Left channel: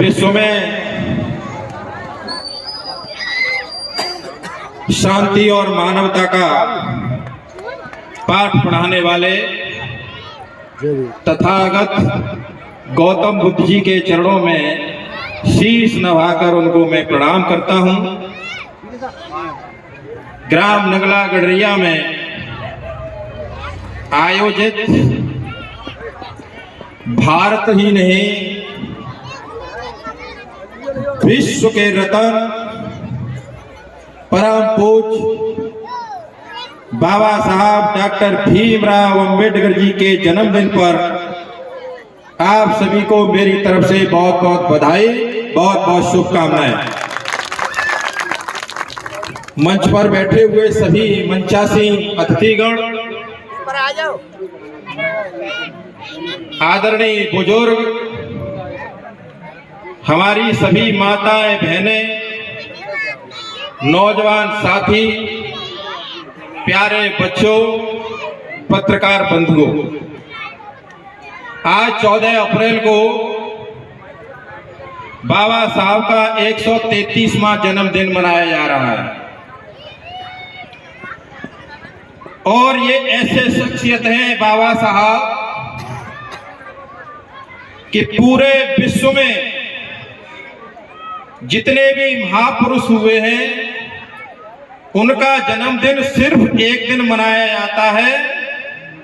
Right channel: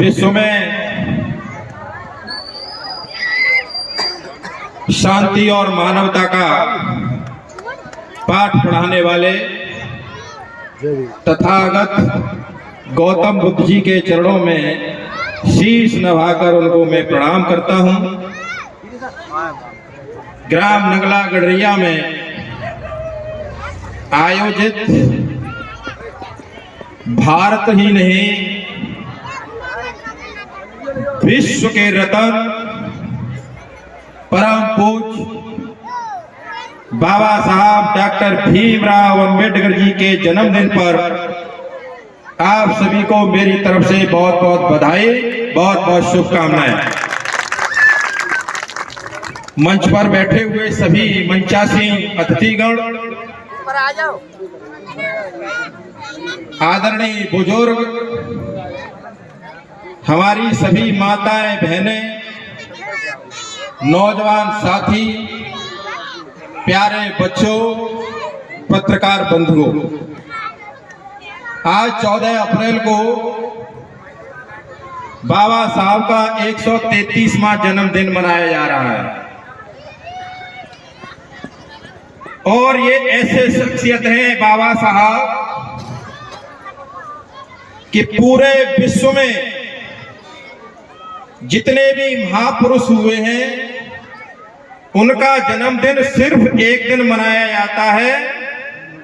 विश्व में शांति और मानवता का पाठ पढ़ाने वाले तथागत गौतम बुद्ध जी के चरणों में शीश नवाकर उनको मैं प्रणाम करता हूं। ग्राम नगला गडरिया में आयोजित भारत ही नहीं विश्व के रतन परम पूज्य बाबा साहब डॉक्टर भीमराव अंबेडकर जी के जन्मदिन पर आप सभी को मेरी तरफ से बहुत बहुत बधाई, बहुत बहुत शुभकामनाएं। मंच पर बैठे हुए सभी मंचासीन अतिथिगण, आदरणीय बुजुर्ग, हमारी सभी माताएं बहनें, नौजवान साथी, प्यारे बच्चों, पत्रकार बंधुओं, आज 14 अप्रैल को बाबा साहब का 133वां जन्मदिन मनाया जा रहा है। और ये ऐसे शख्सियत हैं बाबा साहब कि पूरे विश्व में जितने भी महापुरुष हुए हैं उनका जन्मदिन सिर्फ एक दिन मनाया जाता है,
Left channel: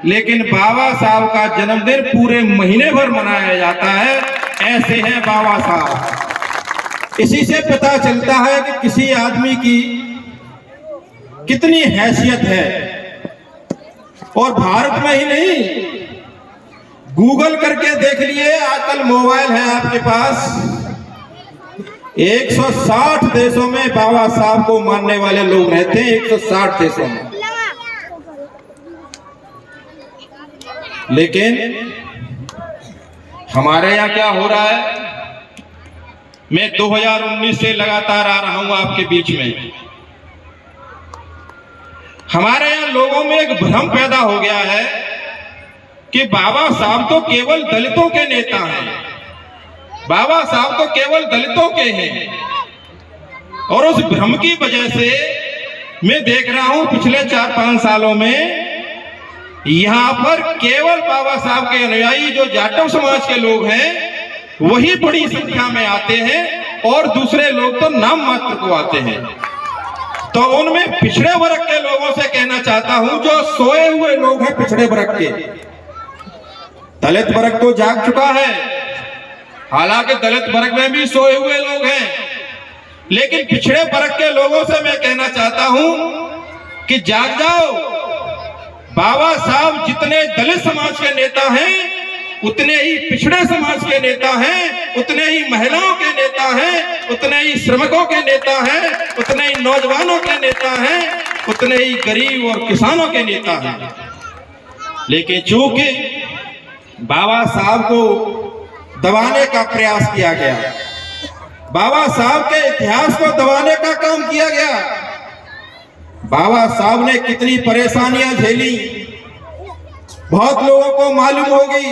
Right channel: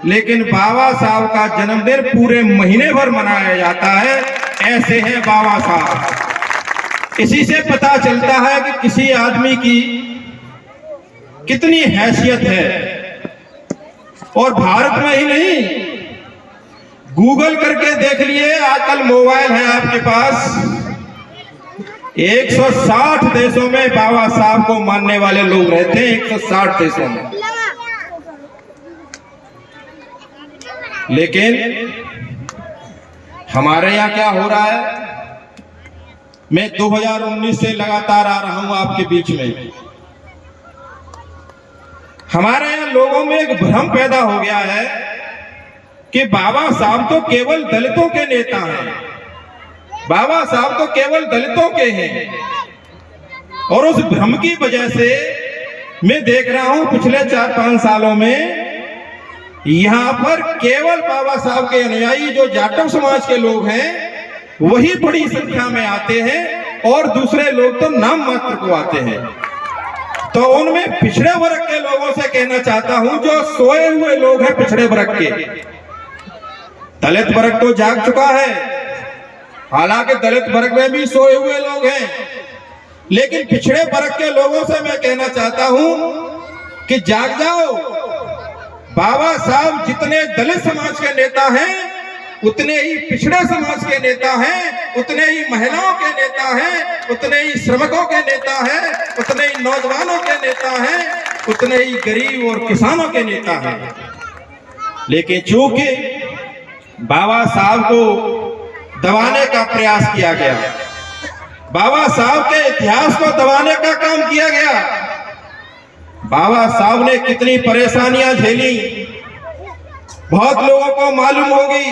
लेकिन बाबा साहब का जन्मदिन पूरे महीने भर मनाया जाता है। ऐसे हैं बाबा साहब। इसी से पता चलता है कि किसी आदमी की कितनी हैसियत है। और भारत में ही नहीं, गूगल करके देख लिए, आजकल मोबाइल है आपके पास, 160 देशों में बाबा साहब को मानने वाले लोग रहते हैं, 160 देशों में। लेकिन हमारे यहाँ क्या हो रहा है, मैं 2019 से लगातार आ रहा हूं आपके बीच में। हमारे यहाँ लोगों में एक भ्रम पैदा हो गया है कि बाबा साहब तो केवल दलितों के नेता हैं, बाबा साहब तो केवल दलितों के हैं। और उस भ्रम की वजह से मैं देख रहा हूं पिछले 4-5 सालों में यहां पर केवल बाबा साहब के अनुयायी जो जाटव समाज के लोग हैं वही बड़ी संख्या में आते हैं, और दूसरे लोग तो नाम मात्र को आते हैं। तो उनमें पिछड़े वर्ग के लोगों से कहना चाहता हूं, जो सोए हुए लोग हैं पिछड़े वर्ग के, दलित वर्ग तो जाग चुका है, हालांकि दलित वर्ग में भी सोए हुए लोग हैं, लेकिन पिछड़े वर्ग के लोगों से मैं कहना चाहता हूं कि जाग जाओ। बाबा साहब जितने दलित समाज के नेता हैं उतने ही पिछड़े समाज के नेता हैं, उतने ही महिलाओं के नेता हैं, उतने ही श्रमिकों के नेता हैं, उतने ही नौजवानों के नेता हैं, उतने ही गरीब और किसानों के नेता हैं। लेकिन चूंकि बाबा साहब को दबाने का प्रयास किया गया, बाबा साहब के इतिहास को दबाने का काम किया गया, बाबा साहब ने कितनी परेशानियां झेली बहुत लोगों को मालूम होगी।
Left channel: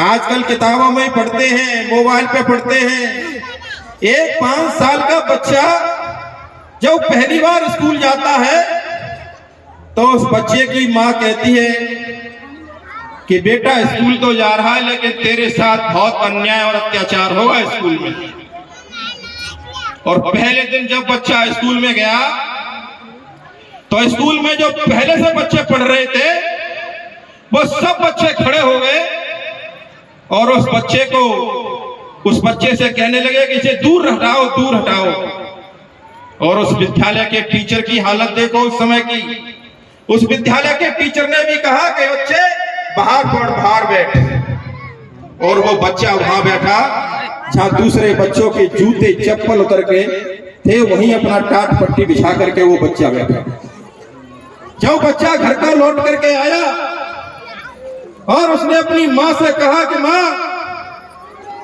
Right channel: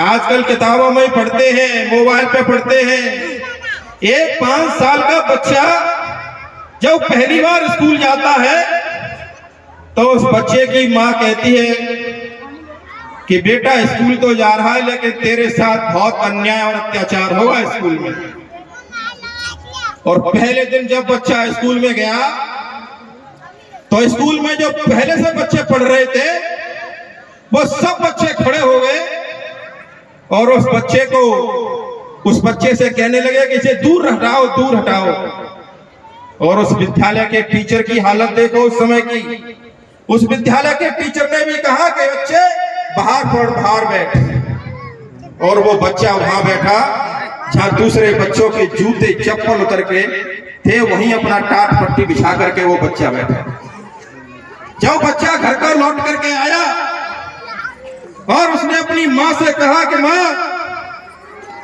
आजकल किताबों में पढ़ते हैं, मोबाइल पे पढ़ते हैं। एक 5 साल का बच्चा जब पहली बार स्कूल जाता है तो उस बच्चे की माँ कहती है कि बेटा स्कूल तो जा रहा है, लेकिन तेरे साथ बहुत अन्याय और अत्याचार होगा स्कूल में। और पहले दिन जब बच्चा स्कूल में गया तो स्कूल में जो पहले से बच्चे पढ़ रहे थे वो सब बच्चे खड़े हो गए और उस बच्चे से कहने लगे कि इसे दूर हटाओ, दूर हटाओ। और उस विद्यालय के टीचर की हालत देखो उस समय की। उस विद्यालय के टीचर ने भी कहा कि बच्चे बाहर बैठ। और वो बच्चा वहां बैठा जहां दूसरे बच्चों के जूते चप्पल उतर के थे, वहीं अपना टाट पट्टी बिछा करके वो बच्चा बैठा। जब बच्चा घर पर लौट करके आया और उसने अपनी माँ से कहा कि माँ,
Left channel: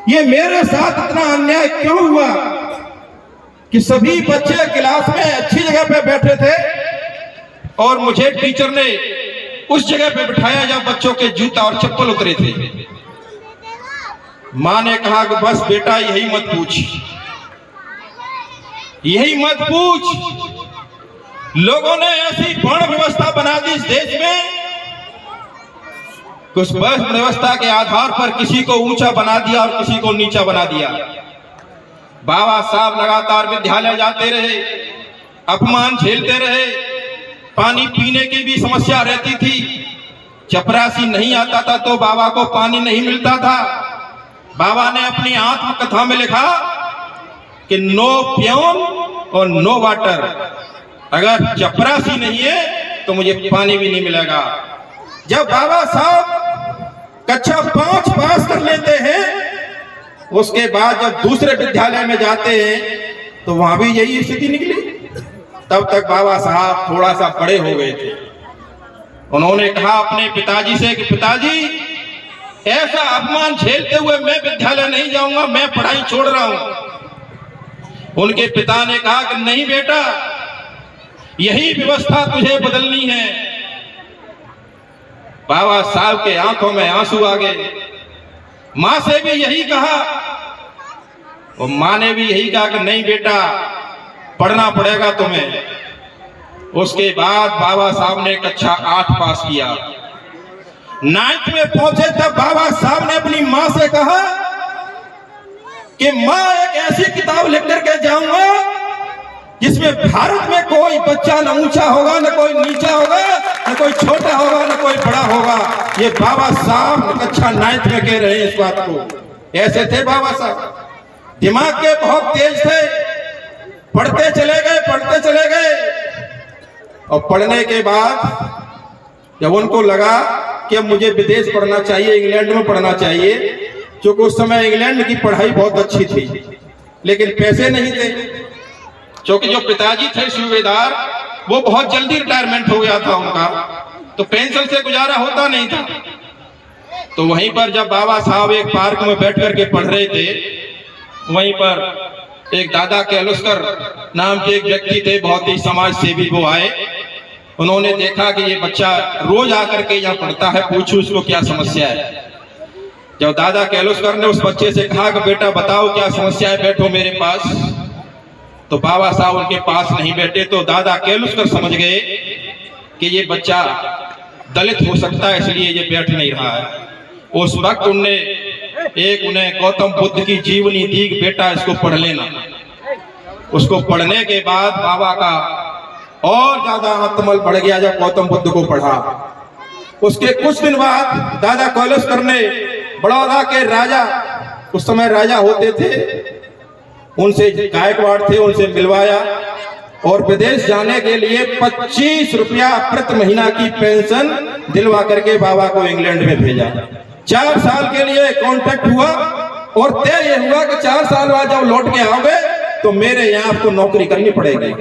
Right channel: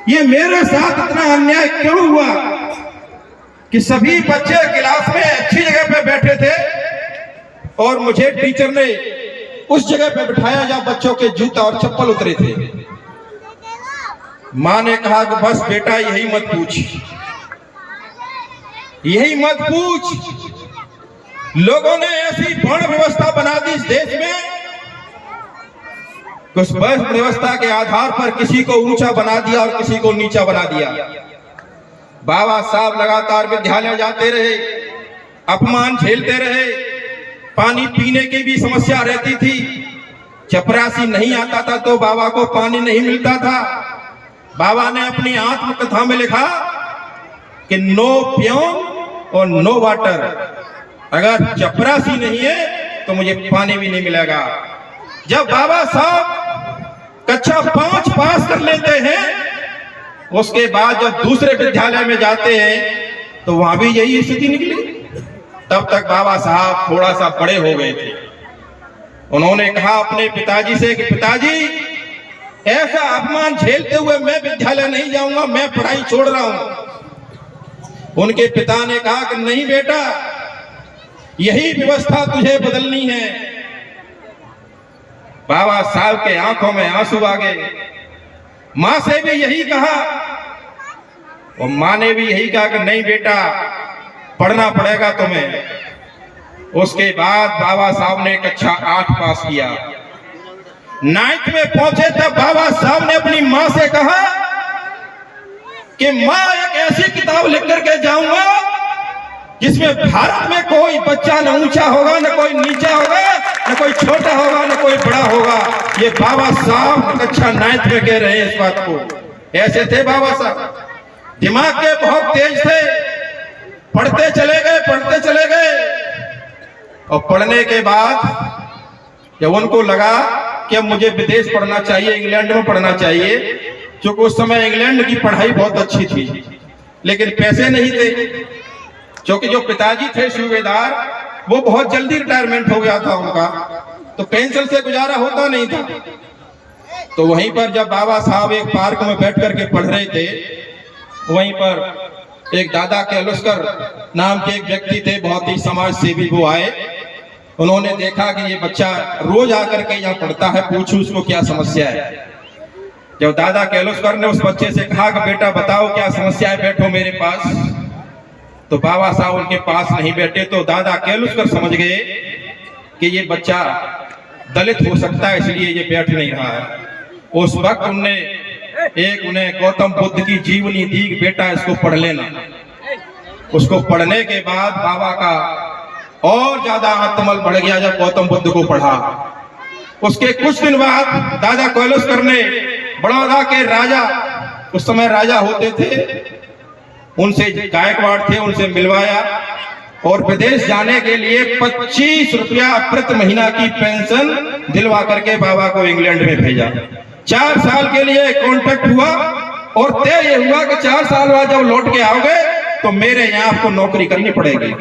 ये मेरे साथ इतना अन्याय क्यों हुआ कि सभी बच्चे क्लास में अच्छी जगह पे बैठे थे और मुझे टीचर ने उस जगह पे बिठाया जहां बच्चों के जूता और चप्पल उतरे थे। माँ ने कहा कि बस बेटा यही मत पूछ, यही मत पूछ। लोगों ने ऐसी वर्ण व्यवस्था बना दी इस देश में, उस वर्ण व्यवस्था के आधार पर किसी को ऊंचा बना दिया और किसी को नीचा बना दिया। बाबा साहब लगातार विद्यालय जाते रहे, अपमान झेलते रहे, पानी पीने की भी समस्या रहती थी। चपरासी नहीं आता था तो बाबा को पानी नहीं मिलता था। बाबा ने अपनी आत्मकथा में लिखा कि नो प्योन और नो वाटर, अगर चपरासी नहीं है तो मुझे पानी भी नहीं मिलेगा। जब बाबा साहब कक्षा 5 पास कर लेते हैं, उसके बाद जब दूसरे विद्यालय में जाते हैं तो वहां भी यही स्थिति निकली। तब तक बाबा साहब थोड़ा सा बड़े हो गए थे। उन्होंने कहा अपने पिताजी से कि पिताजी, ऐसा अपमान झेलते हुए मैं विद्यालय नहीं जाऊंगा, मैं पढ़ाई छोड़ रहा हूं। उनके पिता ने कहा कि नहीं बेटा, यही व्यवस्था तुझे बदलनी है। बाबा साहब के आंखों में आंसू आ गए। मां से भी यही कहा और मां ने भी यही कहा कि नहीं बेटा, पढ़ना पड़ेगा तुम्हें। उसके बाद बाबा साहब ने कक्षा 8 पास किया। 9th में पहुंचे तब बाबा साहब ने अपनी मां से कहा कि मां, एक ऐसी किताब लिख करके जाऊंगा जिसमें भारत में कोई बच्चा न ऊंचा होगा, न कोई नीचा होगा, न कोई छोटा होगा, न कोई बड़ा होगा। ये बाबा साहब कक्षा 9th में कह रहे हैं इस बात को। ऐसे थे बाबा साहब, दिमाग के बहुत तेज थे। पढ़ते चले गए, पढ़ते चले गए, और पढ़ने के बाद जब उनको लगा कि अब मुझे विदेश पढ़ना चाहिए, इंग्लैंड में पढ़ना चाहिए, क्योंकि उस समय इंग्लैंड की पढ़ाई बहुत अच्छी थी, लेकिन पैसे नहीं थे। क्योंकि जो पिताजी थे सूबेदार, वो बहुत जल्दी रिटायरमेंट हो गया था उनका, तो पेंशन से गुजारा होता नहीं था। तो वहीं पर जब बाबा साहब एक पार्क में बैठ करके पढ़ रहे थे, वहीं पर एक दादा केलुस्कर नाम के एक व्यक्ति थे, बहुत ही समाज सेवी वो आए। उन्होंने देखा कि ये बच्चा रोज आकर के यहाँ पढ़ता है, पूछो उसको क्या समस्या है। जब दादा केलुस्कर ने उस बच्चे से कहा कि बेटा बताओ क्या समस्या है, बैठो मेरे पास, तो बाबा साहब उनके पास नहीं बैठे। तो दादा केलुस्कर समझ गए कि ये बच्चा दलित हो सकता है, इसलिए ये बैठ नहीं रहा है। उस वक्त उन्हें गौतम बुद्ध की जीवनी दी, बेटा इसको पढ़ लेना। उसको पढ़ने के बाद बाबा का और ज्यादा आत्मबल बढ़ गया जब गौतम बुद्ध को पढ़ा। उसके कुछ दिन बाद दादा केलुस्कर ने बड़ौदा के राजा, उस समय राजा होते थे, उनसे गायकवाड़ थे, उनसे मिलवाया और विदेश जाने के लिए 25 रुपया प्रति महीना की पेंशन दिलवा करके बाबा को इंग्लैंड में भेजा। 4 साल के लिए कॉन्ट्रैक्ट हुआ और तय ये हुआ कि 4 साल बाद जब लौट के आओगे तो मेरे यहाँ आपको नौकरी करनी पड़ेगी।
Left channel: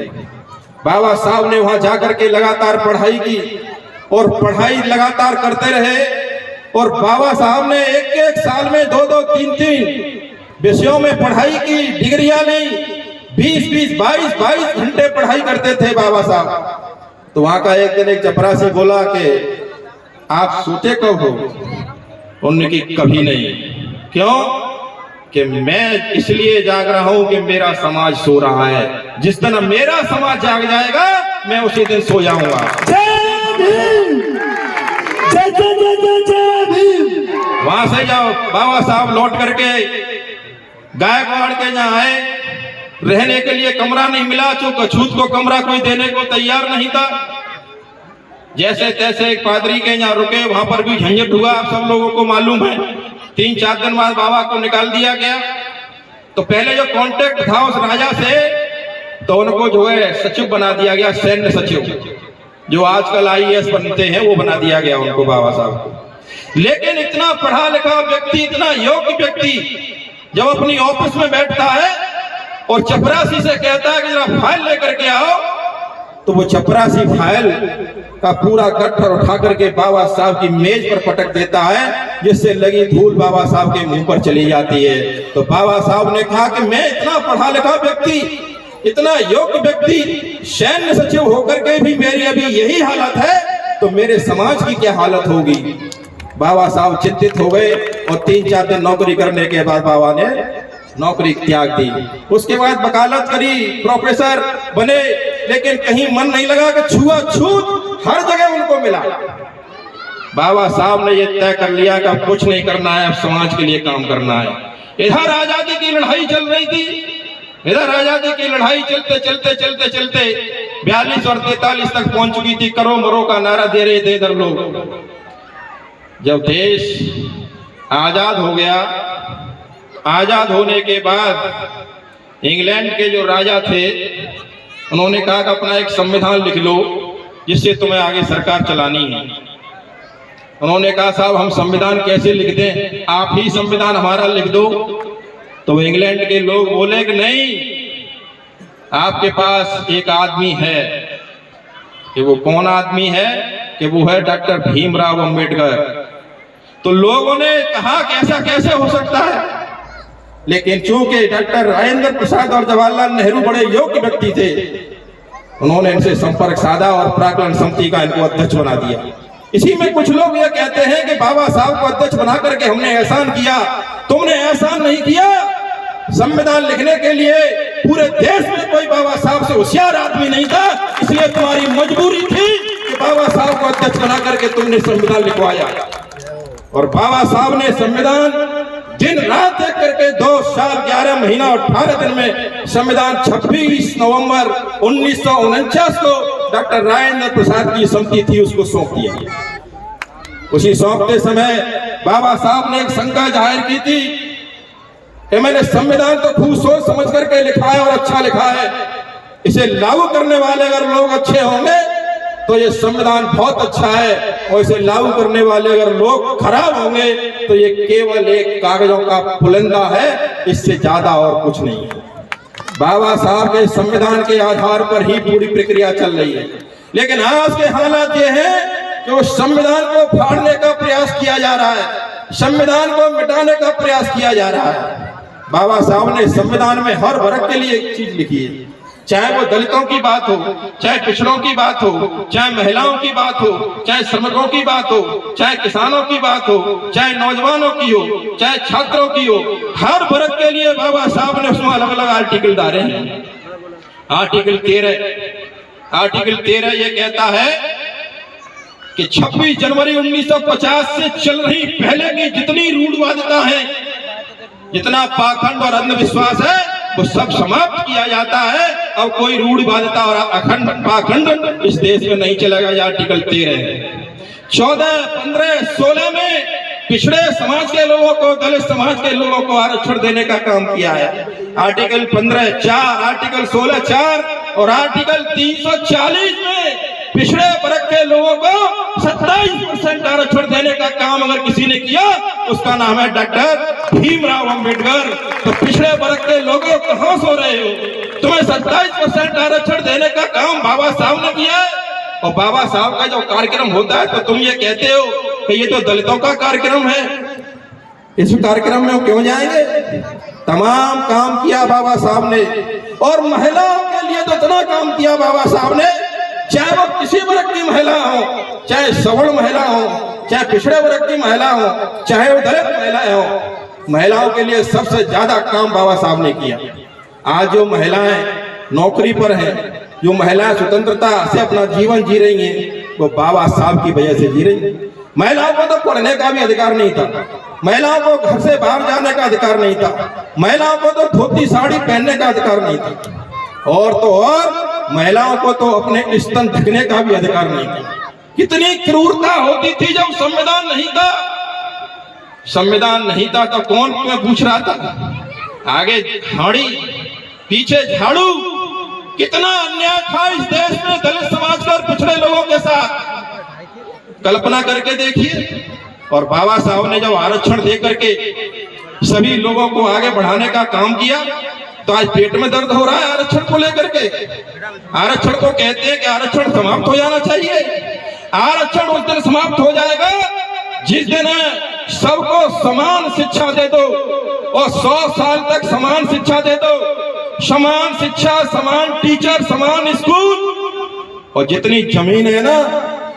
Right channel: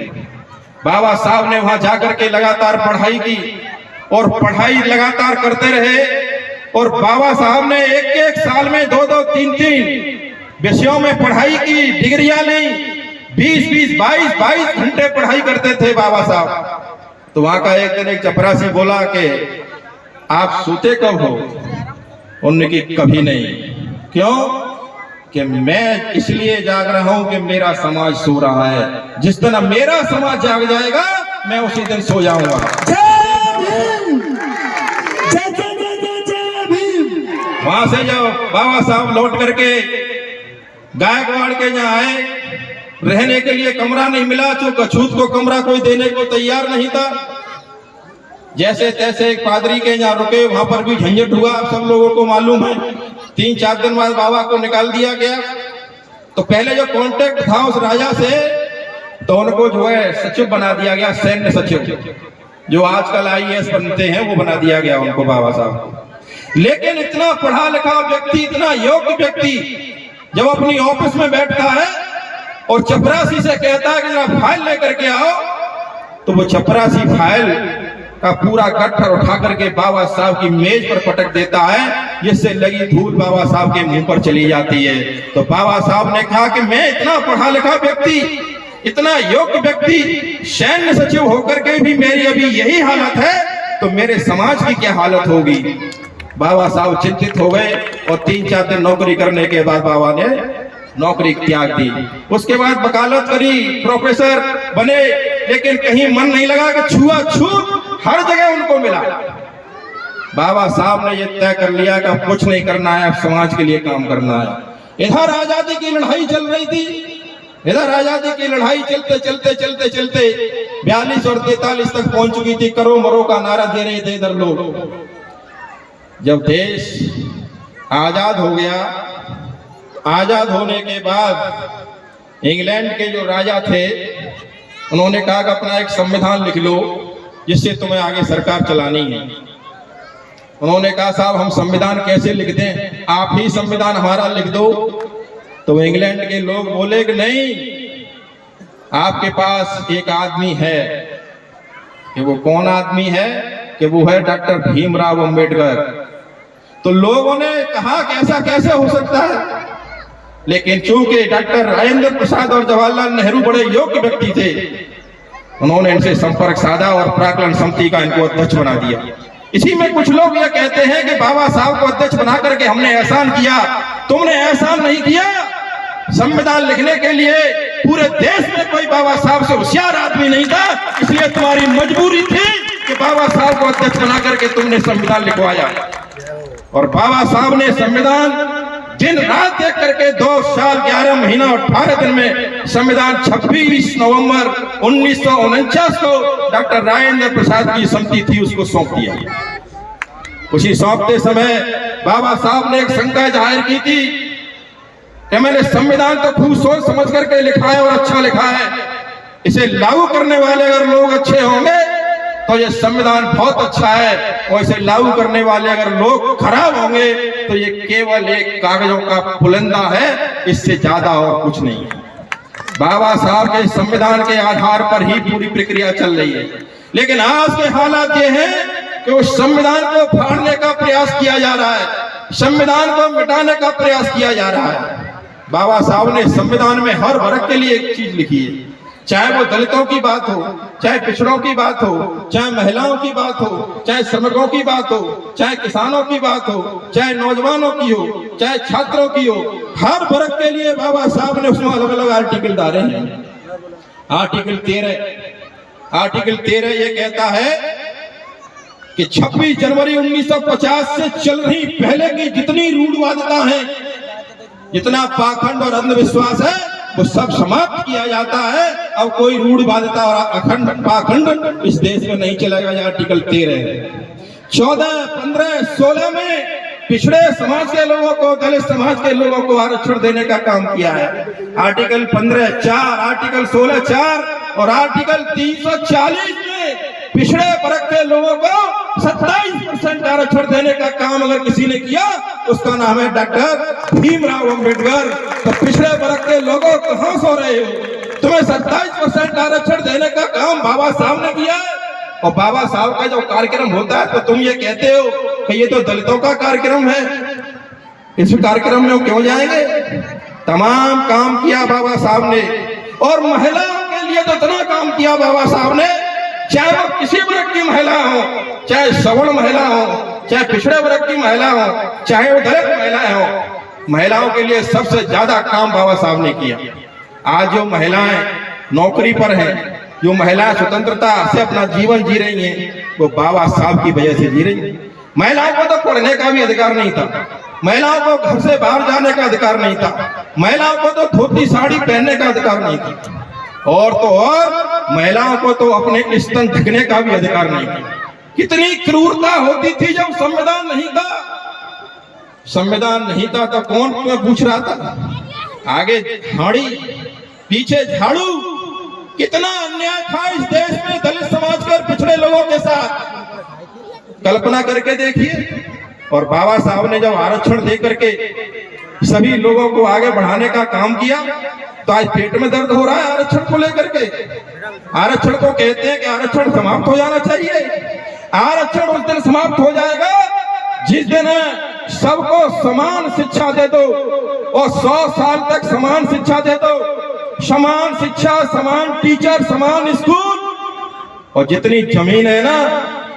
बाबा साहब ने वहां जाकर के लगातार पढ़ाई की और पढ़ाई लगातार करते रहे, और बाबा साहब ने एक साल में 2-2, 3-3 विषयों में पढ़ाई की, डिग्रियां ली। 20-20, 22-22 घंटे पढ़ाई करते थे बाबा साहब। तो वहां का एक दिन एक चपरासी बोला कि आप सोते कब हो? उन्होंने की कभी नहीं। क्यों? कि मैं इसलिए जाग रहा हूं कि मेरा समाज सो रहा है। जिस दिन मेरा समाज जाग जाएगा मैं उसी दिन सो जाऊंगा। वहां से जब बाबा साहब लौट करके गायकवाड़ के यहाँ आए, रहने के लिए कमरा नहीं मिला, तो कछूत को कमरा कोई देने को तैयार नहीं था। जैसे तैसे एक पादरी के यहाँ रुके, वहां पर भी झंझट हुआ, आप सब लोगों को मालूम है। 3-4 दिन बाद बाबा को निकाल दिया गया। तो पहले जो कॉन्टेक्ट था उस राजा से, तो उनको जो है सचिव बना दिया गया, सैन्य सचिव, जो आजकल IAS बनते हैं वो बना दिया गया उनको, बाबा साहब को। लेकिन इतना पढ़ा लिखा व्यक्ति, इतना योग्य व्यक्ति जब अपनी ऑफिस में बैठता है और चपरासी से कहता है कि जरा फाइल लेकर के आओ, तो वो चपरासी फाइल का पूरा गट्ठर उठा करके बाबा साहब की मेज पर पटक देता है, जिससे लगी धूल बाबा साहब के मुंह पर चली जाती है। तो बाबा साहब ने कहा कि मैं इतना पढ़ा लिखा व्यक्ति, इतना योग्य व्यक्ति, सैन्य सचिव होकर के भी मेरी अभी यही हालत है, तो मेरे समाज की क्या हालत होगी। बाबा साहब चिंतित हो गए और 3-4 दिन नौकरी करने के बाद बाबा ने नौकरी त्याग दी। उसके बाद वकालत करी, प्रोफेसर बने, लेकिन कहीं मन नहीं लगा कि छुआछूत हर जगह उनको मिला। बाबा साहब ने यह तय कर लिया कि अब कुछ नहीं करना है, अब समाज के लिए काम करना है। इधर आजादी की लड़ाई चल रही थी, इधर आजादी की लड़ाई चलते चलते चलते चलते 42 और 43 तक पहुंच चुकी थी। करो मरो का नारा दे रहे थे इधर लोग। जब देश आजाद हो गया, आजाद होने के बाद इंग्लैंड के जो राजा थे उन्होंने कहा कि अपना एक संविधान लिख लो जिससे तुम्हें आगे सरकार चलानी है। उन्होंने कहा साहब हम संविधान कैसे लिख दें, आप ही संविधान हमारा लिख दो। तो इंग्लैंड के लोग बोले कि नहीं, आपके पास एक आदमी है। कि वो कौन आदमी है? कि वो है डॉक्टर भीमराव अंबेडकर। तो लोगों ने कहा कि ऐसा कैसे हो सकता है, लेकिन चूंकि डॉक्टर राजेंद्र प्रसाद और जवाहरलाल नेहरू बड़े योग्य व्यक्ति थे, उन्होंने इनसे संपर्क साधा और प्राक्कलन समिति का इनको अध्यक्ष बना दिया। इसी में कुछ लोग ये कहते हैं कि बाबा साहब को अध्यक्ष बना करके हमने एहसान किया। तुमने एहसान नहीं किया। संविधान लिखने के लिए पूरे देश में कोई बाबा साहब से होशियार आदमी नहीं था, इसलिए तुम्हारी मजबूरी थी कि बाबा साहब को अध्यक्ष बना करके तुमने संविधान लिखवाया। और बाबा साहब ने संविधान दिन रात एक करके 2 साल 11 महीना 18 दिन में संविधान 26 नवंबर 1949 को डॉक्टर राजेंद्र प्रसाद की समिति थी उसको सौंप दिया। उसी सौंपते समय बाबा साहब ने एक शंका जाहिर की थी कि मैंने संविधान तो खूब सोच समझ करके लिखा है और अच्छा लिखा है, इसे लागू करने वाले अगर लोग अच्छे होंगे तो ये संविधान बहुत अच्छा है, और इसे लागू करने वाले अगर लोग खराब होंगे तो ये केवल एक कागजों का पुलंदा है, इससे ज्यादा और कुछ नहीं है। बाबा साहब के संविधान के आधार पर ही पूरी प्रक्रिया चल रही है। लेकिन आज के हालात ये हैं कि वो संविधान को फाड़ने का प्रयास किया जा रहा है, संविधान को मिटाने का प्रयास किया जा रहा है। बाबा साहब ने संविधान में हर वर्ग के लिए एक चीज लिखी है, चाहे वो दलितों की बात हो, चाहे पिछड़ों की बात हो, चाहे महिलाओं की बात हो, चाहे श्रमिकों की बात हो, चाहे किसानों की बात हो, चाहे नौजवानों की हो, चाहे छात्रों की हो, हर वर्ग के लिए बाबा साहब ने उसमें अलग अलग आर्टिकल डाले हैं। आर्टिकल 13 ये कहता है कि 26 जनवरी 1950 से चल रही पहले की जितनी रूढ़वादिता है, जितना पाखंड और अंधविश्वास है, वो सब समाप्त किया जाता है। अब कोई रूढ़वादिता और अखंड पाखंड इस देश में नहीं चलेगा। यह आर्टिकल 13 है। 14, 15, 16 में पिछड़े समाज के लोगों को, दलित समाज के लोगों को आरक्षण देने का काम किया है। आर्टिकल 15(4), आर्टिकल 16(4) और आर्टिकल 340 में पिछड़े वर्ग के लोगों को 27% आरक्षण देने का काम अगर किसी ने किया, उसका नाम है डॉक्टर भीमराव अंबेडकर। तो पिछड़े वर्ग के लोगों कहां सो रहे हो? तुम्हें 27% आरक्षण देने का काम बाबा साहब ने किया है। और बाबा साहब का जो कार्यक्रम होता है तो तुम ये कहते हो कि ये तो दलितों का कार्यक्रम है, इस कार्यक्रम में क्यों जाएंगे? तमाम काम किया बाबा साहब ने, और महिलाओं के लिए तो इतना काम किया बाबा साहब ने, चाहे वो किसी वर्ग की महिला हो, चाहे सवर्ण महिला हो, चाहे पिछड़े वर्ग की महिला हो, चाहे वो दलित महिलाएं हो, महिलाओं के लिए सबसे ज्यादा काम बाबा साहब ने किया। आज जो महिलाएं नौकरी पर हैं, जो महिलाएं स्वतंत्रता से अपना जीवन जी रही हैं, वो बाबा साहब की वजह से जी रही हैं। महिलाओं को तो पढ़ने का भी अधिकार नहीं था, महिलाओं को घर से बाहर जाने का अधिकार नहीं था, महिलाओं को तो धोती साड़ी पहनने का अधिकार नहीं था, और तो और महिलाओं को तो अपने स्तन ढकने का भी अधिकार नहीं था। कितनी क्रूरता होती थी जब संविधान नहीं था। संविधान नहीं था तो कौन तुम्हें पूछ रहा था? आगे झाड़ी पीछे झाड़ू। कितना अन्याय था इस देश में दलित समाज के और पिछड़े लोगों के साथ, कल्पना करके देखिए। और बाबा साहब ने जब आरक्षण दे करके सभी लोगों को आगे बढ़ाने का काम किया, तो आज पेट में दर्द हो रहा है आरक्षण को लेकर के। आरक्षण को कहते हैं कि आरक्षण समाप्त हो जाना चाहिए। आरक्षण उस दिन समाप्त हो जाएगा जिस दिन सबको समान शिक्षा दे दो, और 100 साल तक समान शिक्षा दे दो। समान शिक्षा, समान टीचर, समान स्कूल, और जितनी जमीन है ना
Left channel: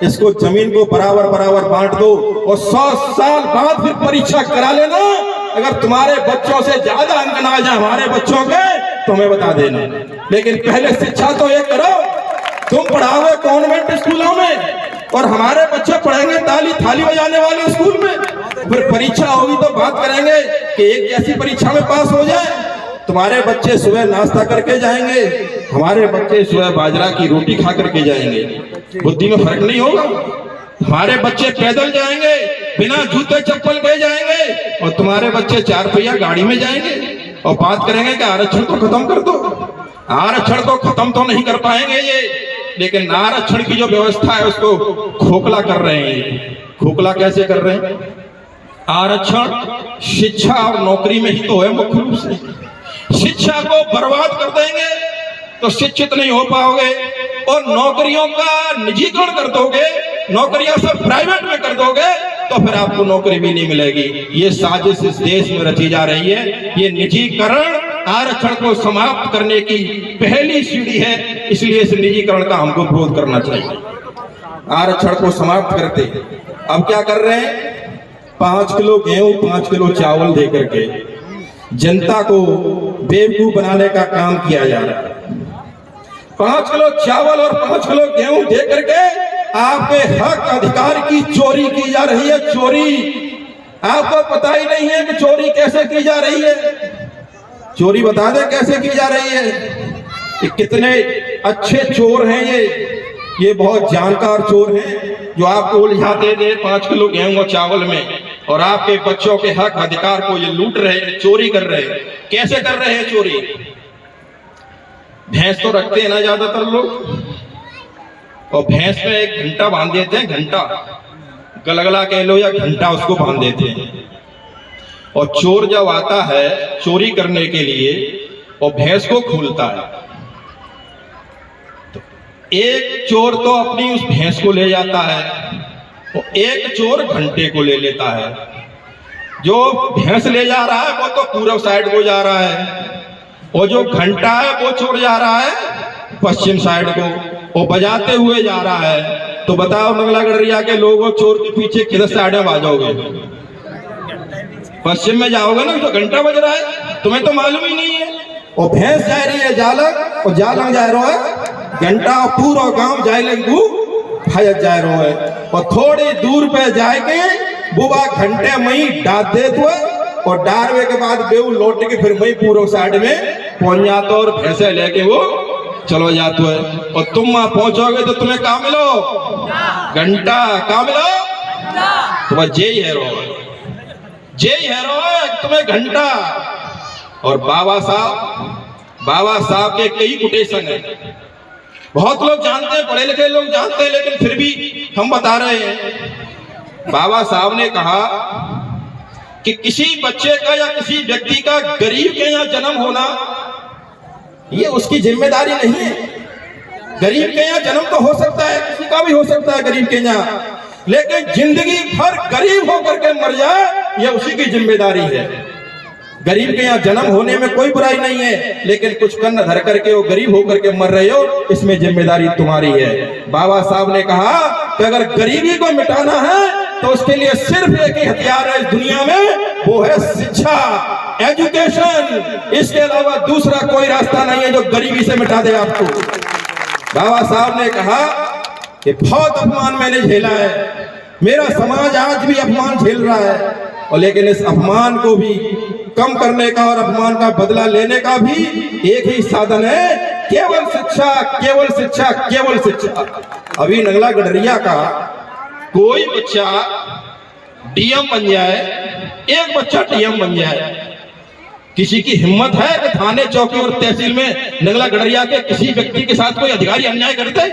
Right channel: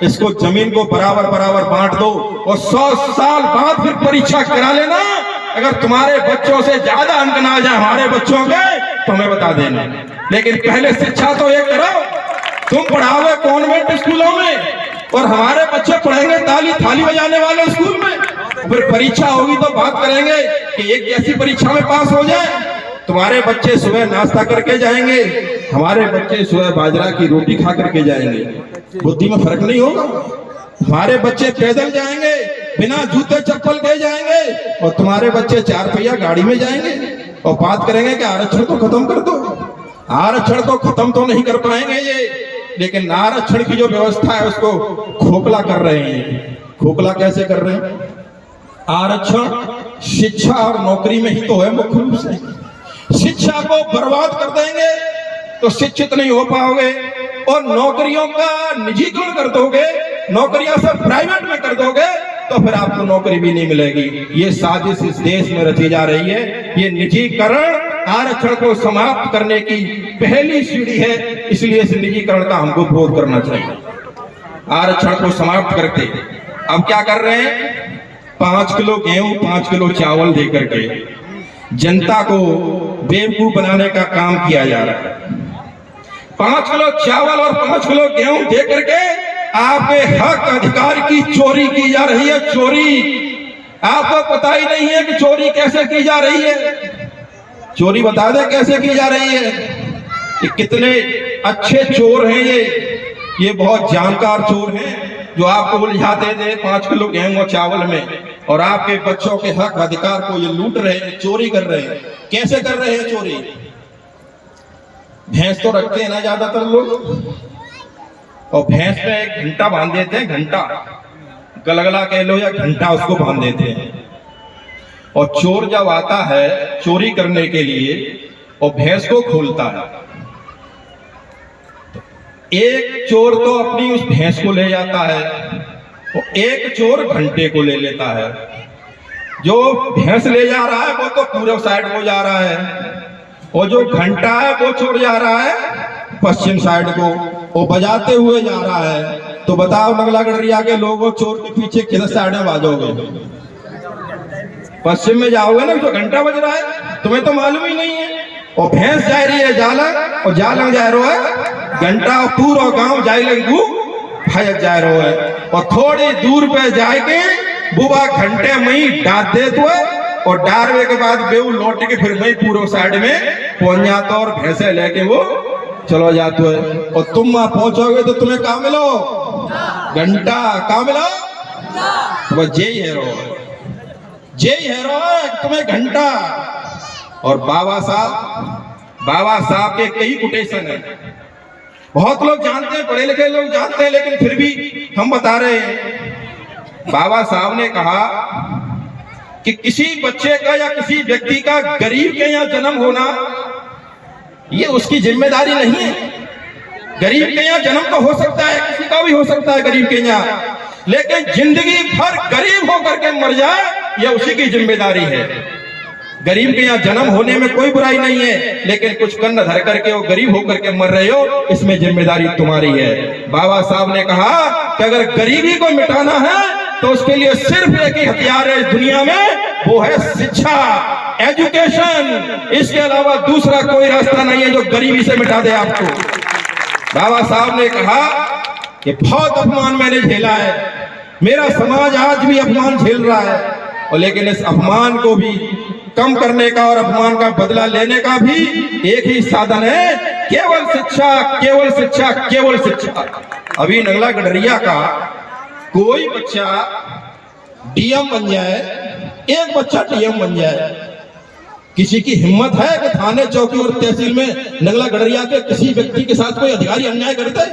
इसको जमीन को बराबर बराबर बांट दो और 100 साल बाद फिर परीक्षा करा लेना। अगर तुम्हारे बच्चों से ज्यादा अंक ना आ जाए हमारे बच्चों के तो हमें बता देना। लेकिन पहले शिक्षा तो एक करो, तुम पढ़ाओगे कॉन्वेंट स्कूलों में और हमारे बच्चे पढ़ेंगे ताली थाली बजाने वाले स्कूल में। फिर परीक्षा होगी तो बात करेंगे कि एक जैसी परीक्षा में पास हो जाए। तुम्हारे बच्चे सुबह नाश्ता करके जाएंगे, हमारे बच्चे सुबह बाजरा की रोटी खा करके जाएंगे। बुद्धि में फर्क नहीं होगा। हमारे बच्चे पैदल जाएंगे, बिना जूते चप्पल के जाएंगे और तुम्हारे बच्चे 4 पहिया गाड़ी में जाएंगे और बात करेंगे कि आरक्षण को खत्म कर दो। आरक्षण को खत्म तो नहीं कर पाएंगे ये, लेकिन आरक्षण की जो व्यवस्था है उसको खोखला कर रहे हैं। खोखला कैसे कर रहे हैं? आरक्षण शिक्षा और नौकरी में ही तो है मुख्य रूप से। शिक्षा को बर्बाद कर देंगे तो शिक्षित नहीं हो पाओगे और नौकरियों का निजीकरण कर दोगे, नौकरियां सब प्राइवेट में कर दोगे तो फिर आपको नौकरी भी नहीं मिलेगी। ये साजिश इस देश में रची जा रही है। ये निजीकरण आरक्षण को समाप्त करने की पहली सीढ़ी है, इसलिए इस निजीकरण का हमको विरोध करना चाहिए। आरक्षण को समाप्त करके अब क्या कर रहे हैं? 5 किलो गेहूं 5 किलो चावल दे करके जनता को बेवकूफ बनाने का काम किया जा रहा है। 5 किलो चावल और 5 किलो गेहूं दे करके आपके हक अधिकार की चोरी की जा रही है। चोरी आपको पता ही नहीं है कि चोरी कैसे की जा रही है। चोरी बता दे कैसे की जा रही है। कि कितने अच्छे चोर हैं ये बहुत जानकार चोर हैं जो आपको उलझाते थे 5 किलो गेहूं और चावल में और आपके बच्चों के हक अधिकार को ये लूट रहे हैं, चोरी कर रहे हैं। कैसे कर रहे हैं चोरी? भैंस तो रखते हैं ना ज्यादातर लोग, और भैंस में एक घंटा बांध देते हैं, घंटा गलगला कह लो या घंटा, उसको बांध देते हैं। और चोर जब आता है चोरी करने के लिए और भैंस को खोलता है तो एक चोर तो अपनी उस भैंस को ले जाता है और एक चोर घंटे को ले लेता है। जो भैंस ले जा रहा है वो तो पूरब साइड को जा रहा है और जो घंटा है वो चोर जा रहा है पश्चिम साइड को, वो बजाते हुए जा रहा है। तो बताओ नगला गडरिया के लोगों, चोर के पीछे किधर साइड में भागोगे? पश्चिम में जाओगे ना, तो घंटा बज रहा है, तुम्हें तो मालूम ही नहीं है। और भैंस जा रही है जालंग और जालंग जा रहा है घंटा और पूरा गांव जाइलंगू भजत जा रहा है। और थोड़ी दूर पे जाके बुबा घंटे में ही डाल दे तो और डारवे के बाद बेऊ लौट के फिर वही पूर्व साइड में पहुंच जाता और भैंसे लेके वो चलो जाते है। और तुम वहां पहुंचोगे तो तुम्हें कहा मिलो? घंटा। कहा मिलो? तुम्हें जेई है रो, जेई है रो तुम्हें घंटा। और बाबा साहब के कई कोटेशन है, बहुत लोग जानते हैं, पढ़े लिखे लोग जानते हैं, लेकिन फिर भी हम बता रहे हैं। बाबा साहब ने कहा कि किसी बच्चे का या किसी व्यक्ति का गरीब के यहाँ जन्म होना ये उसकी जिम्मेदारी नहीं है। गरीब के यहाँ जन्म तो हो सकता है, किसी का भी हो सकता है गरीब के यहाँ, लेकिन जिंदगी भर गरीब होकर के मर जाए यह उसी की जिम्मेदारी है। गरीब के यहाँ जन्म होने में कोई बुराई नहीं है, लेकिन कुछ कन्न धर करके वो गरीब होकर के मर रहे हो, इसमें जिम्मेदारी तुम्हारी है। बाबा साहब ने कहा कि अगर गरीबी को मिटाना है तो उसके लिए सिर्फ एक ही हथियार है इस दुनिया में, वो है शिक्षा, एजुकेशन। इसके अलावा दूसरा कोई रास्ता नहीं है जो गरीबी से मिटा दे आपको। बाबा साहब ने कहा कि बहुत अपमान मैंने झेला है, मेरा समाज आज भी अपमान झेल रहा है, और लेकिन इस अपमान को भी कम करने का और अपमान का बदला लेने का भी एक ही साधन है, केवल शिक्षा, केवल शिक्षा, केवल शिक्षा। अभी नगला गडरिया का कोई बच्चा डीएम बन जाए, एक बच्चा डीएम बन जाए, किसी की हिम्मत है कि थाने चौकी और तहसील में नगला गडरिया के किसी व्यक्ति के साथ कोई अधिकारी अन्याय करते?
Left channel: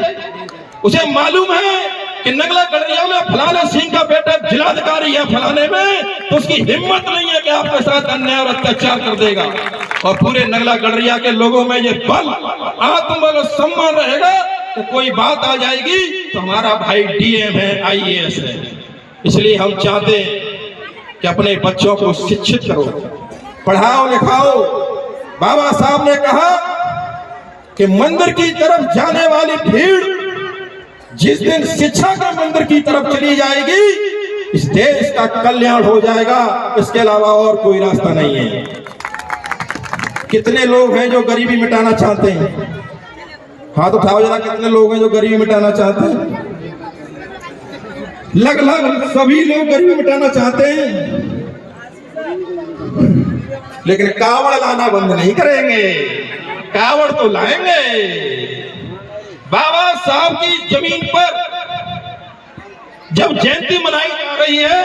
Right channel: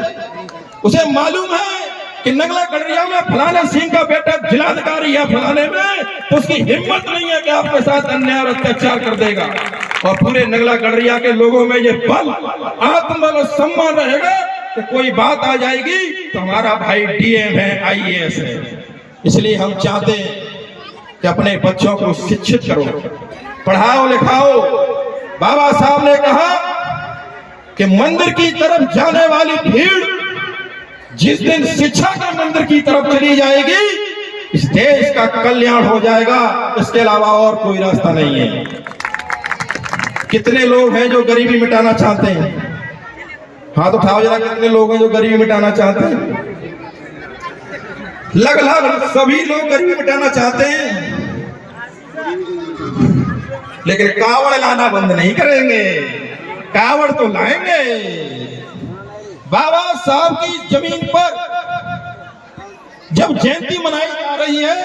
उसे मालूम है कि नगला गडरिया में फलाने सिंह का बेटा जिलाधिकारी या फलाने में, तो उसकी हिम्मत नहीं है कि आपके साथ अन्याय और अत्याचार कर देगा। और पूरे नगला गडरिया के लोगों में ये बल, आत्मबल और सम्मान रहेगा तो कोई बात आ जाएगी तो हमारा भाई डीएम है, आईएएस है। इसलिए हम चाहते हैं कि अपने बच्चों को शिक्षित करो, पढ़ाओ लिखाओ। बाबा साहब ने कहा कि मंदिर की तरफ जाने वाली भीड़ जिस दिन शिक्षा के मंदिर की तरफ चली जाएगी, इस देश का कल्याण हो जाएगा, इसके अलावा और कोई रास्ता नहीं है। कितने लोग हैं जो गरीबी मिटाना चाहते हैं? हाथ उठाओ जरा, कितने लोग हैं जो गरीबी मिटाना चाहते हैं? लगभग सभी लोग गरीबी मिटाना चाहते हैं, लेकिन कावड़ लाना बंद नहीं करेंगे। कावड़ तो लाएंगे। बाबा साहब की जमीन पर जब जयंती मनाई जा रही है,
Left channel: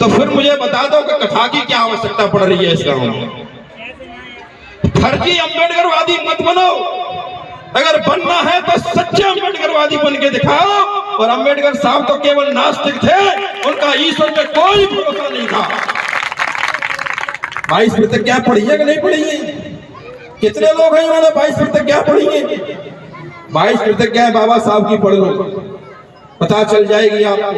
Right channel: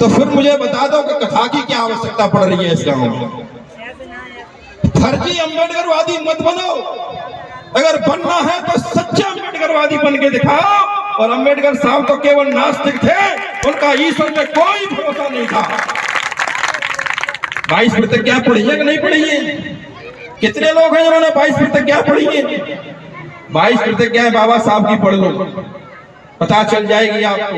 तो फिर मुझे बता दो कि कथा की क्या आवश्यकता पड़ रही है इस गांव में। फर्जी अम्बेडकरवादी मत बनो। अगर बनना है तो सच्चे अम्बेडकरवादी बन के दिखाओ। और अम्बेडकर साहब तो केवल नास्तिक थे, उनका ईश्वर में कोई भरोसा नहीं था। 22 प्रतिज्ञा पढ़ी है कि नहीं पढ़ी है? कितने लोग हैं जिन्होंने 22 प्रतिज्ञा पढ़ी है? 22 प्रतिज्ञाएं बाबा साहब की पढ़ लो, पता चल जाएगी आपको।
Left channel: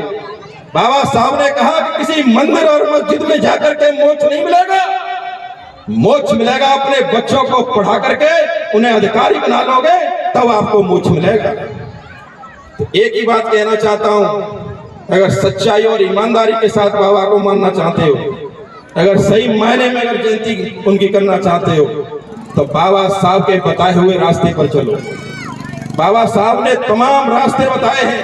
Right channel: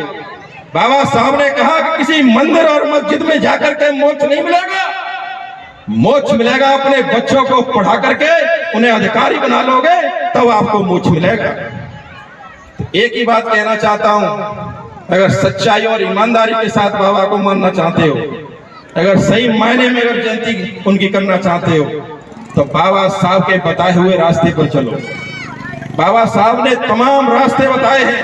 बाबा साहब ने कहा कि किसी मंदिर और मस्जिद में जाकर के मोक्ष नहीं मिलेगा। मोक्ष मिलेगा अपने बच्चों को पढ़ा करके, उन्हें अधिकारी बना लोगे तब आपको मोक्ष मिलेगा। तो एक ही बात कहना चाहता हूं, अगर सच्चाई और ईमानदारी के साथ बाबा को मानना चाहते हो, अगर सही मायने में अगर जयंती उनकी करना चाहते हो, तो बाबा साहब के बताए हुए रास्ते पर चलो। बाबा साहब ने तमाम रास्ते बताए हैं।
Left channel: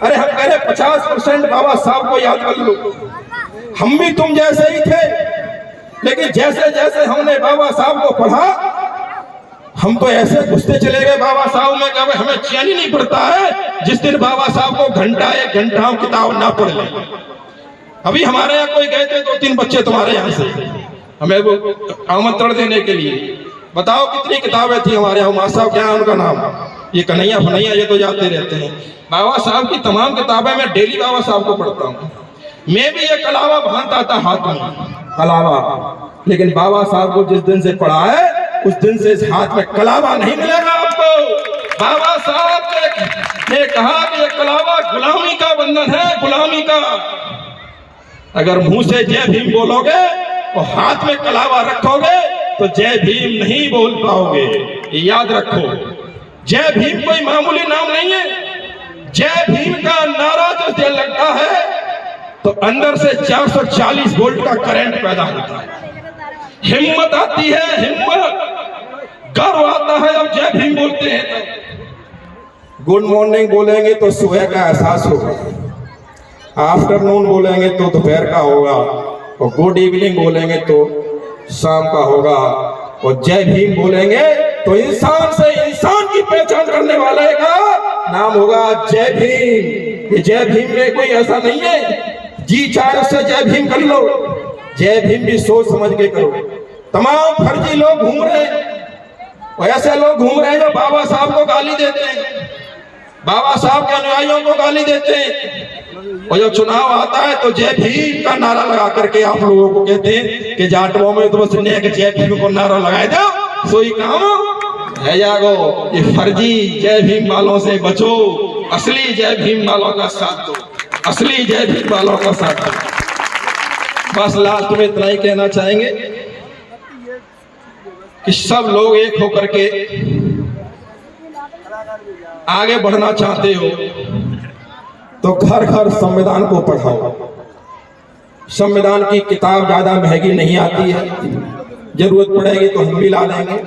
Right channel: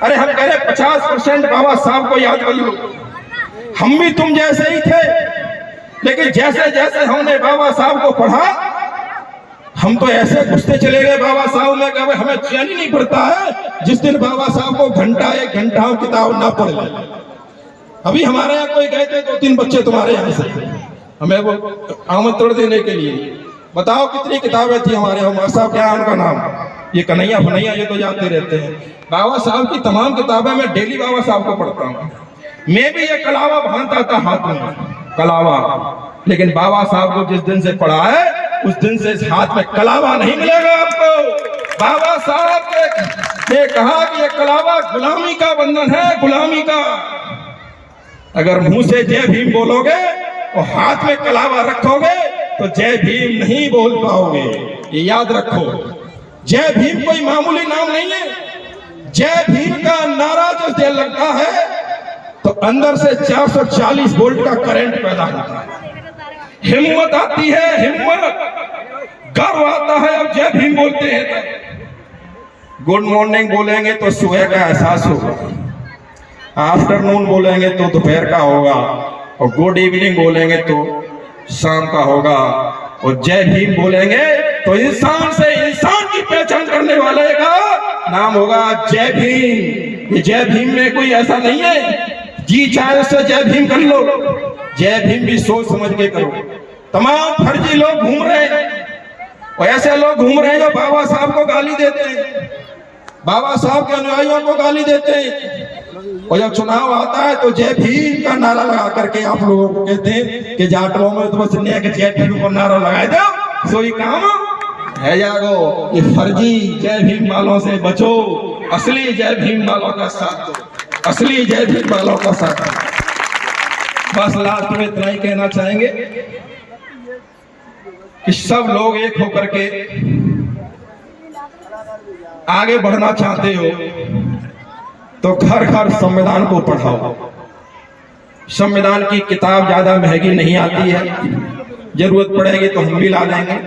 अरे हम कह रहे 50% बाबा साहब को याद कर लो। हम भी तुम जैसे ही थे, लेकिन जैसे जैसे हमने बाबा साहब को पढ़ा, हम तो ऐसे घुसते चले गए बाबा साहब में, कभी हमें चैन ही नहीं पड़ता है जिस दिन बाबा साहब को घंटा 1 घंटा किताब ना पढ़ ले। अभी हमारे यहाँ कोई गए थे 2-3 बच्चे तुम्हारे यहाँ से हमें वो आमंत्रण देने के लिए। बताओ कितनी किताबें थी हमारे यहाँ। उमा साहब क्या है उनका नाम? ये कन्हैया फनैया, ये तो जाते रहते हैं। बाबा साहब की तमाम किताबें मैं डेली बाबा साहब को पढ़ता हूँ। मैं भी ये कलावा भानता था हाथ में, कलावा, लेकिन बाबा साहब को जिस दिन से पढ़ा है उस दिन से इस हाथ में कलावा नहीं मिलेगा आपको। बाबा साहब ने कहा कि ये कलावा गुलामी का बंधन है, गुलामी का। अगर मुंह से जय भीम बोलोगे और हाथ में कलावा रखोगे तो जय भीम नहीं बोल पाओगे। ये याद रखो। जय भीम कोई मामूली नाम नहीं है। जय भीम का नारा जो दिल लगता है तो अंदर से 440 वोल्ट का करंट पैदा होता है। हिम्मत आती है, हिम्मत, गर्व आता है। अब जय भीम बोलते हैं तो गुड मॉर्निंग बोलेंगे तो सुबह का एहसास होगा, आफ्टरनून बोलेंगे तो दोपहर का होगा, और गुड इवनिंग बोलेंगे तो शाम का होगा, और जय भीम बोलेंगे तो इंसान से इंसान की पहचान करने वाले का नाम होगा जय भीम। ये जय भीम में कोई ऐसा नहीं है जी चाहे उससे जय भीम कर लो। जय भीम भी सोच समझ के करो। तमाम फर्जी लोग घूम रहे हैं, और ऐसे लोग घूम रहे हैं जो बाबा साहब को गाली देते हैं, बाबा साहब के अनुयायियों को गाली देते हैं। और जब चुनाव आता है तो जय भीम का नारा लगा करके आप लोगों को कहते हैं कि जाटवों में तो बस जय भीम को नारा लगाए दो, सोई काम है जागो। ये फर्जी जय भीम वालों से बचो, असली जय भीम वालों का साथ दो, असली जय भीम वालों का साथ दो। बस लास्ट में इतना ही कहना चाहेंगे कि सब लोग एक होकर के आगे बढ़ना चाहते हो तो घर घर संविधान को पढ़ाओ। संविधान की किताब ज्यादा महंगी नहीं आती है, जरूरत पड़ेगी तो हम भी ला देंगे।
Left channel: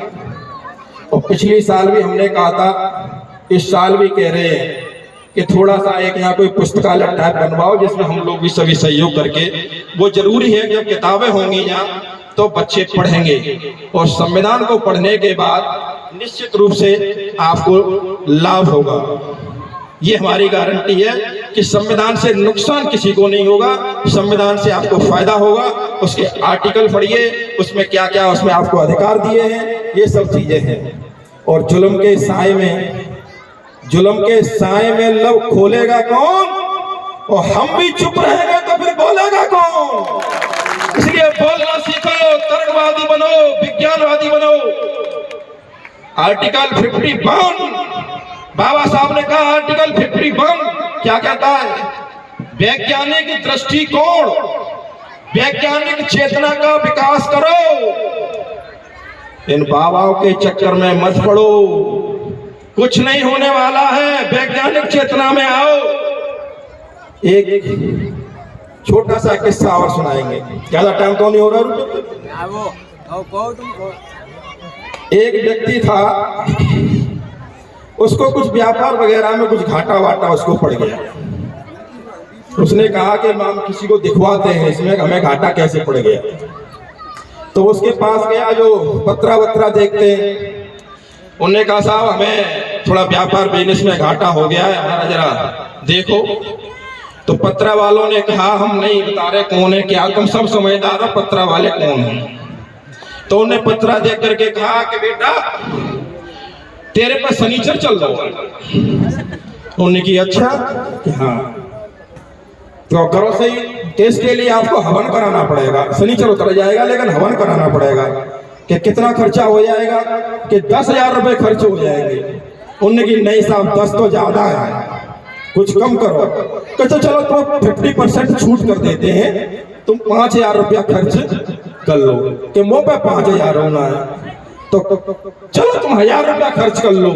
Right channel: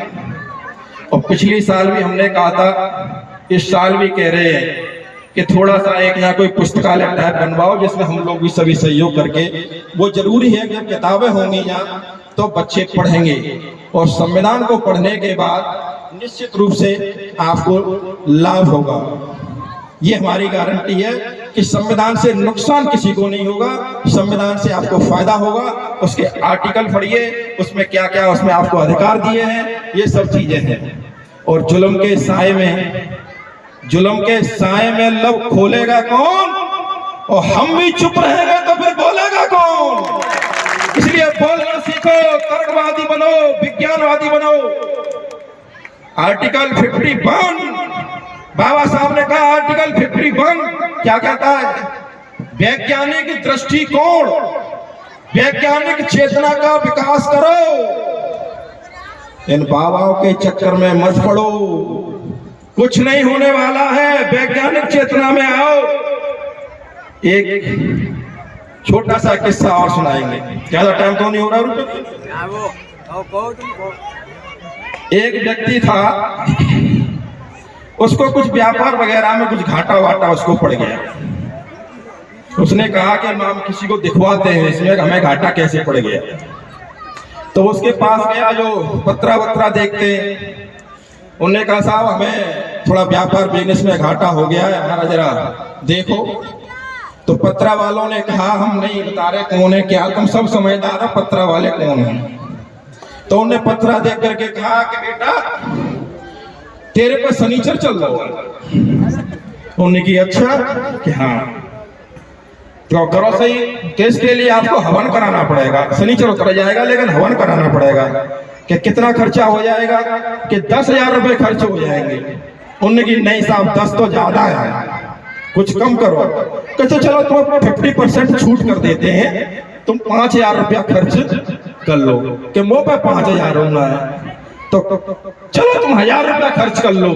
और पिछली साल भी हमने कहा था, इस साल भी कह रहे हैं कि थोड़ा सा एक यहाँ कोई पुस्तकालय टाइप बनवाओ जिसमें हम लोग भी सभी सहयोग करके, वो जरूरी है कि किताबें होंगी यहाँ तो बच्चे पढ़ेंगे। और संविधान को पढ़ने के बाद निश्चित रूप से आपको लाभ होगा। ये हमारी गारंटी है कि संविधान से नुकसान किसी को नहीं होगा, संविधान से आपको फायदा होगा। उसके आर्टिकल पढ़िए, उसमें क्या क्या उसमें आपको अधिकार दिए हैं, ये सब चीजें हैं। और जुल्म के साए में लब खोलेगा कौन? और हम भी चुप रहेंगे तो फिर बोलेगा कौन? इसलिए बोलना सीखो, तर्कवादी बनो, विज्ञानवादी बनो। आर्टिकल 51, बाबा साहब ने कहा आर्टिकल 51 क्या कहता है? वैज्ञानिक दृष्टिकोण, वैज्ञानिक चेतना का विकास करो। इन बाबाओं के चक्कर में मत पड़ो। कुछ नहीं होने वाला है, वैज्ञानिक चेतना में आओ। एक छोटा सा किस्सा और सुनाएंगे, ज्यादा टाइम तो नहीं हो रहा। एक व्यक्ति था, उसको कुछ व्यापार वगैरह में कुछ घाटा वाटा उसको पड़ गया। उसने कहा कि हम किसी को दिखवाते हैं इसमें हमें घाटा कैसे पड़ गया। तो उसके पास गया जो पत्रा वत्रा देखते हैं, उन्होंने कहा साहब हमें थोड़ा व्यापार बिजनेस में घाटा हो गया है, हमारा जरा देखो। तो पत्रा वालों ने कहा हम नहीं बता रहे कौन है क्या, तुम सब समझदार हो, पत्रा वाले कौन हैं। तो उन्हें पत्रा देख करके कहा कि बेटा तेरे पे शनिचर चल रहा है। उन्होंने की अच्छा कि हाँ तो करो सही। तो इसके लिए आपको हवन कराना पड़ेगा, शनिचर उतर जाएगा लेकिन हवन कराना पड़ेगा। कि कितना खर्चा हो जाएगा? कि 10,000 रुपए खर्च हो जाएंगे। उन्होंने की नहीं साहब 10 तो ज्यादा है, कुछ कम करो। कहते चलो तो 50% छूट कर देते हैं, तुम 5,000 रुपया खर्च कर लो। कि मुंह पे 5,000 होना है तो चलो तुम 1,000 रुपया खर्च कर लो।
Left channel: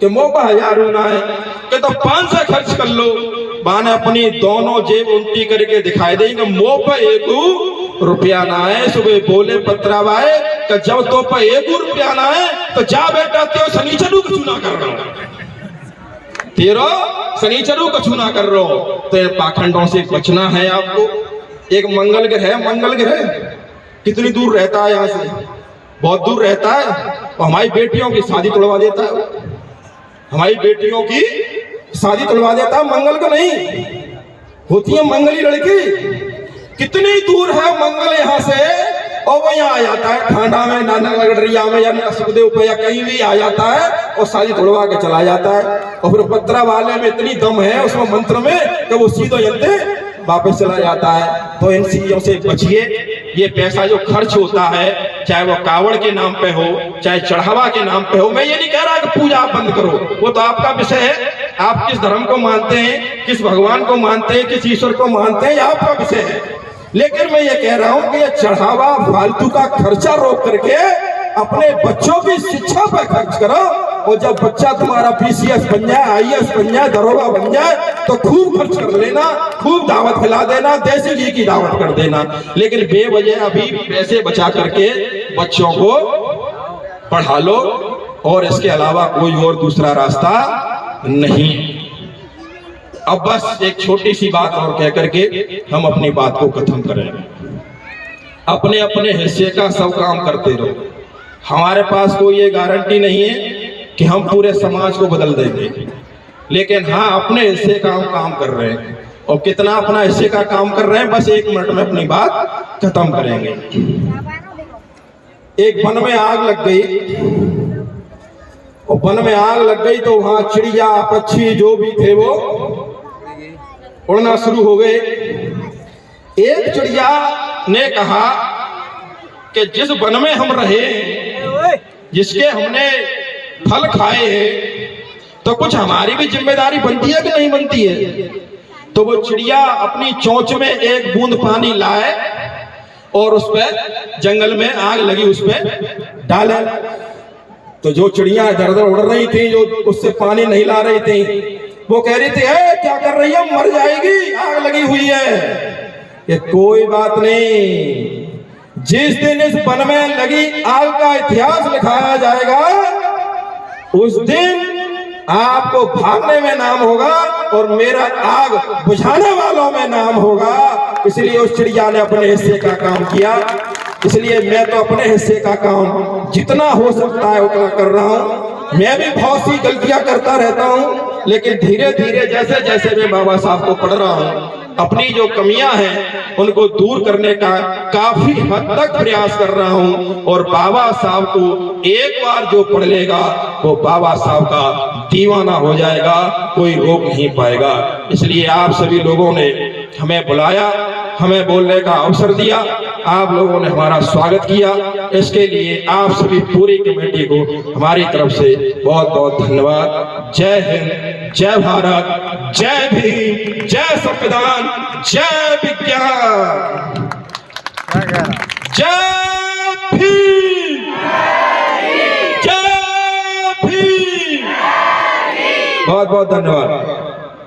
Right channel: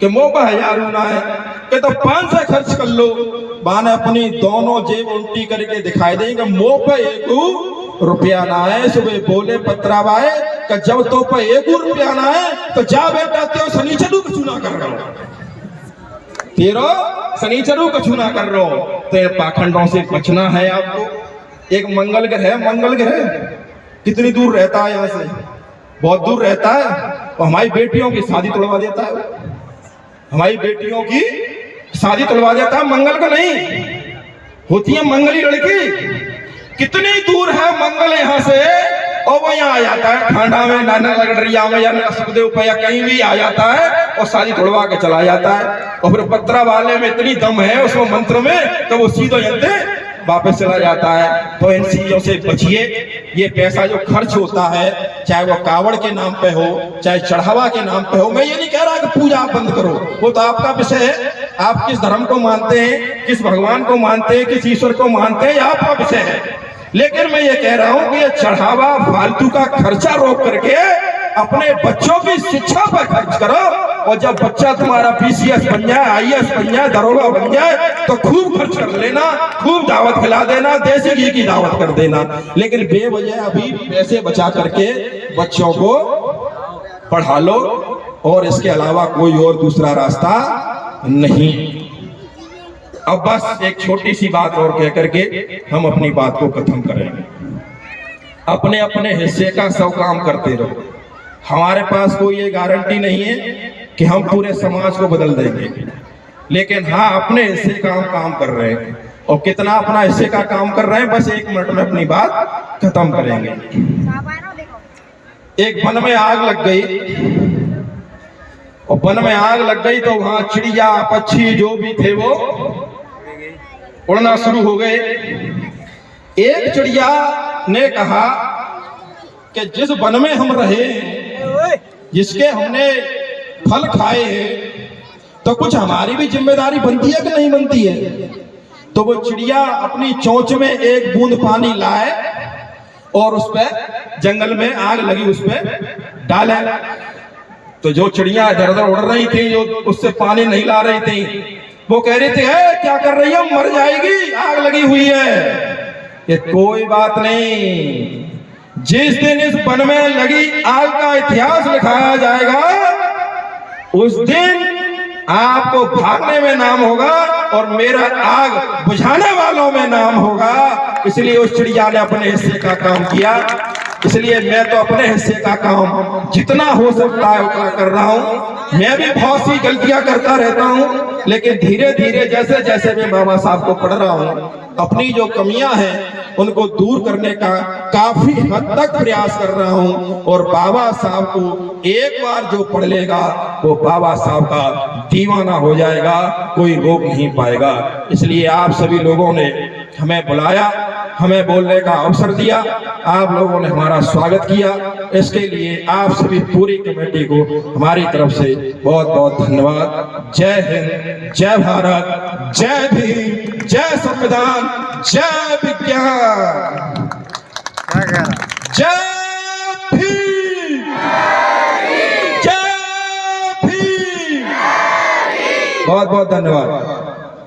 कि मुंह पे 1,000 होना है कि तो 500 खर्च कर लो। बाने अपनी दोनों जेब उल्टी करके दिखाई देंगे, मुंह पे 1 रुपया ना है। सुबह बोले पत्रावाए कि जब तो पे 1 रुपया ना है तो जा बेटा तेरे शनिचरू को चुना कर रहा हूं, तेरा शनिचरू को चुना कर रहा हूं। तो पाखंडों से बचना है आपको। एक मंगल ग्रह, मंगल ग्रह कितनी दूर रहता है यहाँ से? बहुत दूर रहता है। और हमारी बेटियों की शादी तोड़वा देता है, हमारी बेटियों की शादी तोड़वा देता है। मंगल का नहीं होती है मंगली लड़की, कितनी दूर है मंगल यहाँ से, और वो यहाँ आ जाता है ठांडा में, नाना लगड़िया में या सुखदेव पे या कहीं भी आ जाता है और शादी तोड़वा के चला जाता है। और फिर पत्रा वाले में इतनी दम है उसमें मंत्र में कि वो सीधो जनते वापस चला जाता है। तो इन चीजों से बचिए। ये पैसा जो खर्च होता है, चाहे वो कावड़ के नाम पे हो, चाहे चढ़ावा के नाम पे हो, मैं ये नहीं कह रहा कि पूजा आप बंद करो, वो तो आपका विषय है। आप किस धर्म को मानते हैं, किस भगवान को मानते हैं, किस ईश्वर को मानते हैं, ये आपका विषय है। लेकिन मैं ये कह रहा हूं कि ये चढ़ावा फालतू का खर्चा रोक करके अपने बच्चों की शिक्षा पर खर्च करो। और जब बच्चा तुम्हारा PCS बन जाए, IAS बन जाए, दरोगा बन जाए तो खूब खर्च कर लेना, खूब दावत खिला देना, देसी घी की दावत कर देना। लेकिन बेवजह अभी पैसे बचा करके बच्चों को पढ़ा लो, और इसके अलावा कोई और दूसरा रास्ता नहीं। अब बस एक छोटी सी बात और कह करके हम अपनी बात को खत्म करेंगे। अपने अपने हिस्से का सब काम करते रहो। हमारे पास कोई ये गारंटी नहीं है कि हम पूरे समाज को बदल देंगे, लेकिन हाँ अपने हिस्से का हम काम कर रहे हैं। और कितना अपना हिस्से का काम कर रहे हैं, बस 1 मिनट में अपनी बात खत्म करेंगे। एक वन में आग लग गई, और वन में आग लग गई तो वहां चिड़िया पक्षी जो भी थे वो उड़ना शुरू हो गए। एक चिड़िया ने कहा कि जिस वन में हम रहे, जिसके हमने फल खाए हैं, तो कुछ हमारी भी जिम्मेदारी बनती है कि नहीं बनती है? तो वो चिड़िया अपनी चोंच में 1 बूंद पानी लाए और उस पे जंगल में आग लगी उस पे डाले। तो जो चिड़िया इधर उधर उड़ रही थी, जो उससे पानी नहीं ला रही थी, वो कह रही थी क्या कर रही है, मर जाएगी, आग लगी हुई है। ये कोई बात नहीं, जिस दिन इस वन में लगी आग का इतिहास लिखाया जाएगा, उस दिन आपको भागने में नाम होगा और मेरा आग बुझाने वालों में नाम होगा। इसलिए उस चिड़िया ने अपने हिस्से का काम किया। इसलिए मैं तो अपने हिस्से का काम जितना हो सकता है उतना कर रहा हूं। मैं भी बहुत सी गलतियां करता रहता हूं, लेकिन धीरे धीरे जैसे जैसे मैं बाबा साहब को पढ़ रहा हूं, अपनी जो कमियां हैं उनको दूर करने का काफी हद तक प्रयास कर रहा हूं। और बाबा साहब को एक बार जो पढ़ लेगा वो बाबा साहब का दीवाना हो जाएगा, कोई रोक नहीं पाएगा। इसलिए आप सभी लोगों ने हमें बुलाया, हमें बोलने का अवसर दिया, आप लोगों ने हमारा स्वागत किया। इसके लिए आप सभी पूरी कमेटी को हमारी तरफ से बहुत बहुत धन्यवाद। जय हिंद, जय भारत, जय भीम, जय संविधान, जय विज्ञान, जय भीम, जय भीम। बहुत धन्यवाद।